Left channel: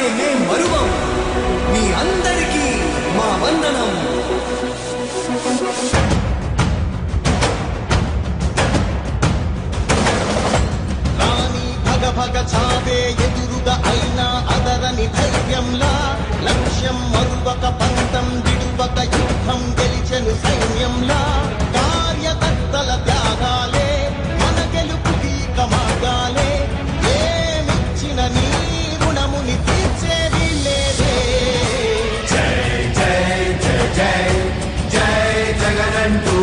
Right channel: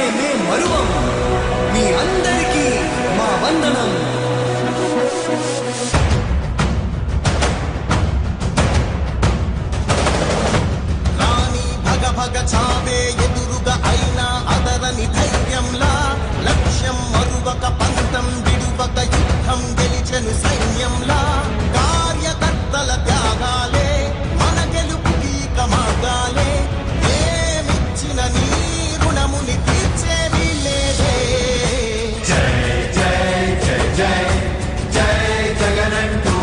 సేవలనే మే మరువం మీ అందరికీ మా వందనం. రాణి భగ భగ చావే ఎదురుగా అయినా అదరని ధైర్యంలా లక్ష్యం మరువక పంతం విడువక యుద్ధం గెలిచెను సైన్యంలా కార్యకర్తల త్యాగాలే మన గెలుపుకి మార్గాలే ఏమిచ్చిన నీ రుణముని తీర్చేది లేదే. జై జై జై జై జై జగనంటూ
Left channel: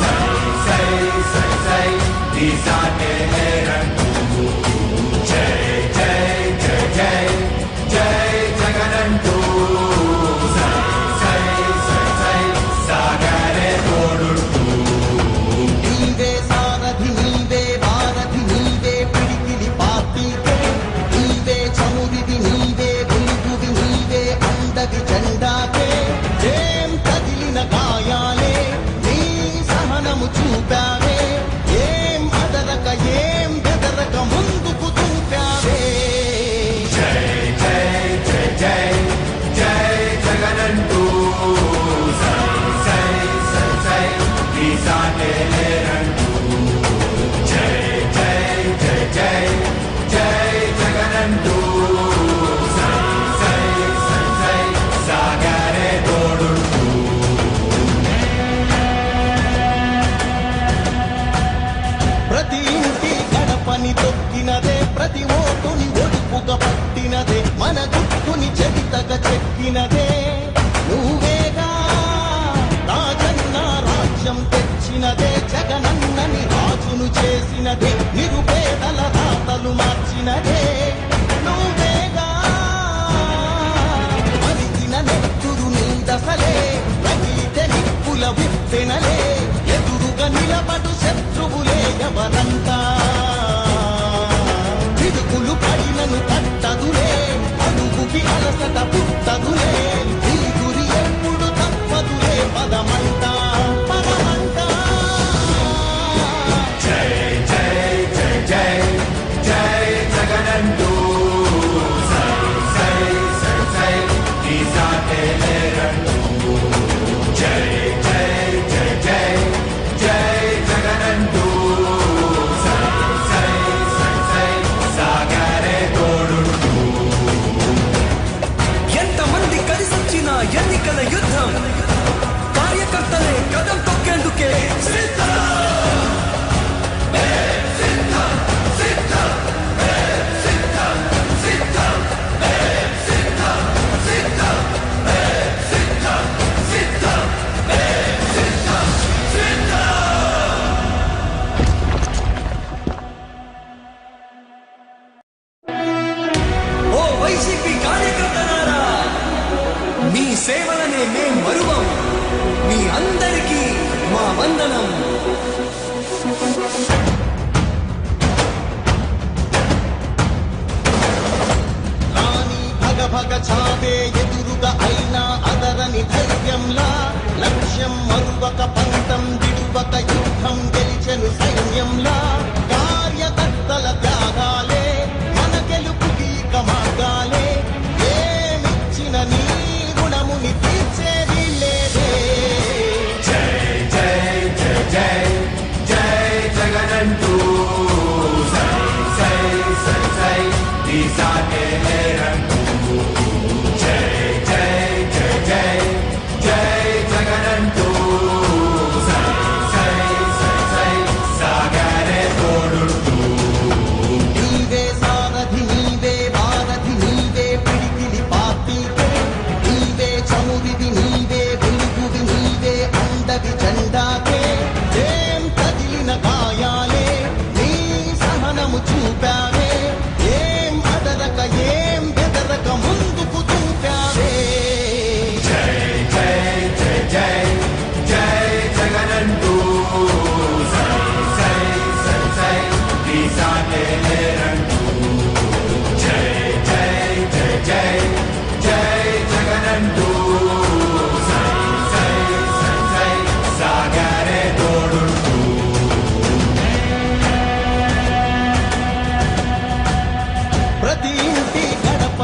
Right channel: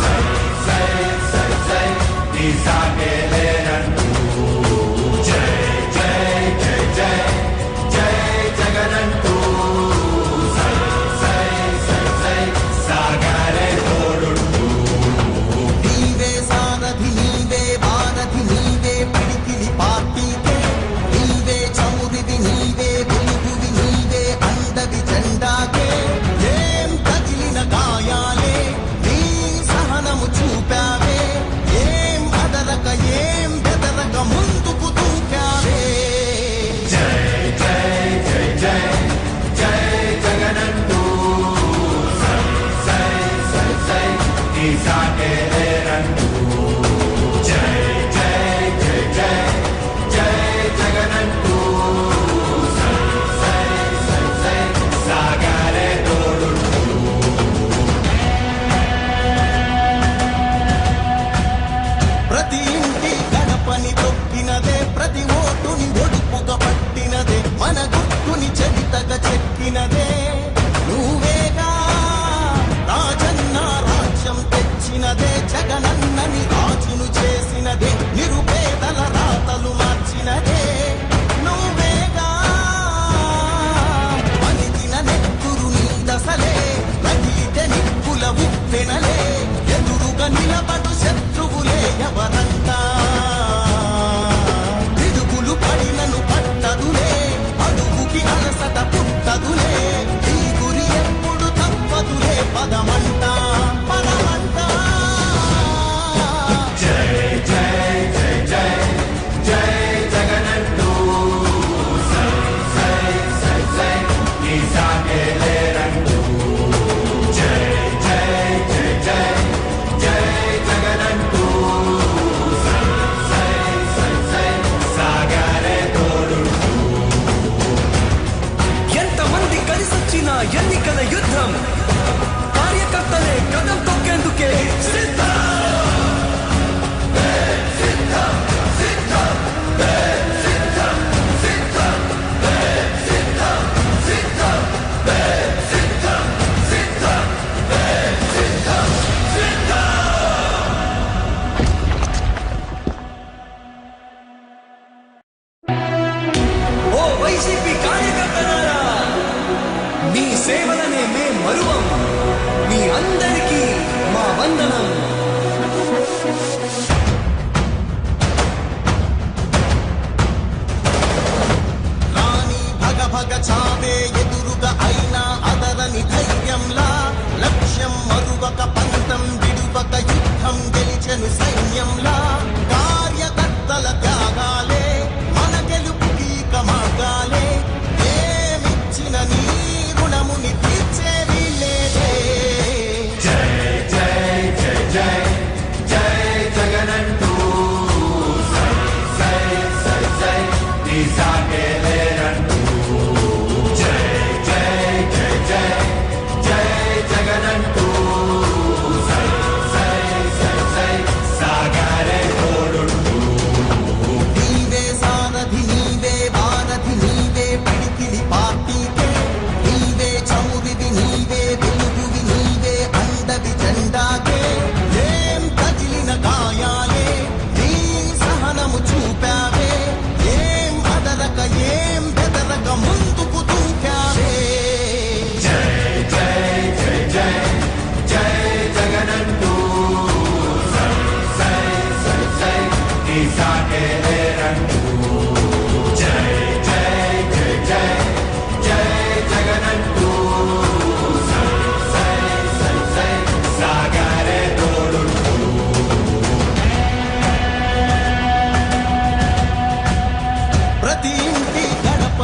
సై సై సై సై నీ సాగే లేనంటూ జై జై జై జై జై జగనంటూ సై సై సై సై సాగరే తోడుంటూ నీవే సారథి నీవే వారధి నీవే పిడికిలి పార్టీకే నీవే చమురివి నీవే వెలుగువి నీవే అండవి జెండాకే ఏం తగిలిన గాయాలే నీ సహనము చూపావే ఏం అదరక ఏం బెదరక ముందుకు దూపావే. జై జై జై జై జై జగనంటూ సై సై సై సై నీ సాగే లేనంటూ జై జై జై జై జై జగనంటూ సై సై సై సై సాగరే తోడుంటూ ప్రతి ఇంటి గడపని తొక్కినదే ప్రతి ఓటుని ఒడుపుగా పట్టినదే మన గుట్టుని చరితగా చెక్కినదే నువ్వేగా రాజన్న రాజ్యం తెచ్చినదే జగనన్నని రాజును చేసినదే నిరుపేదల రాతలు మార్చినదే నువ్వేగా మరిగిన నెత్తురు నీ దశలే రగిలితే నిప్పుల ఉప్పెనలే ఎదురుగా నిలబడు శత్రువులే ఎవరంతా పిడుగులు పడినను పట్టదులే అడుగుకి అలసట పుట్టదులే ఈ గురి ఎప్పుడు తప్పదులే పదమంట పదమంట. జై జై జై జై జై జగనంటూ సై సై సై సై నీ సాగే లేరంటూ జై జై జై జై జై జగనంటూ సై సై సై సై సాగరే తోడుంటూ ఎంతమంది కలిసొచ్చిన ఎన్నికల యుద్ధం కార్యకర్తలే కదం తొక్కేందుకే సిద్ధం. ఓ వైసీపీ కార్యకర్తలారా, మీ సేవలనే మే మరువం మీ అందరికీ మా వందనం. రాణి భగ భగ చావే ఎదురుగా అయినా అదరని ధైర్యంలా లక్ష్యం మరువక పంతం విడువక యుద్ధం గెలిచెను సైన్యంలా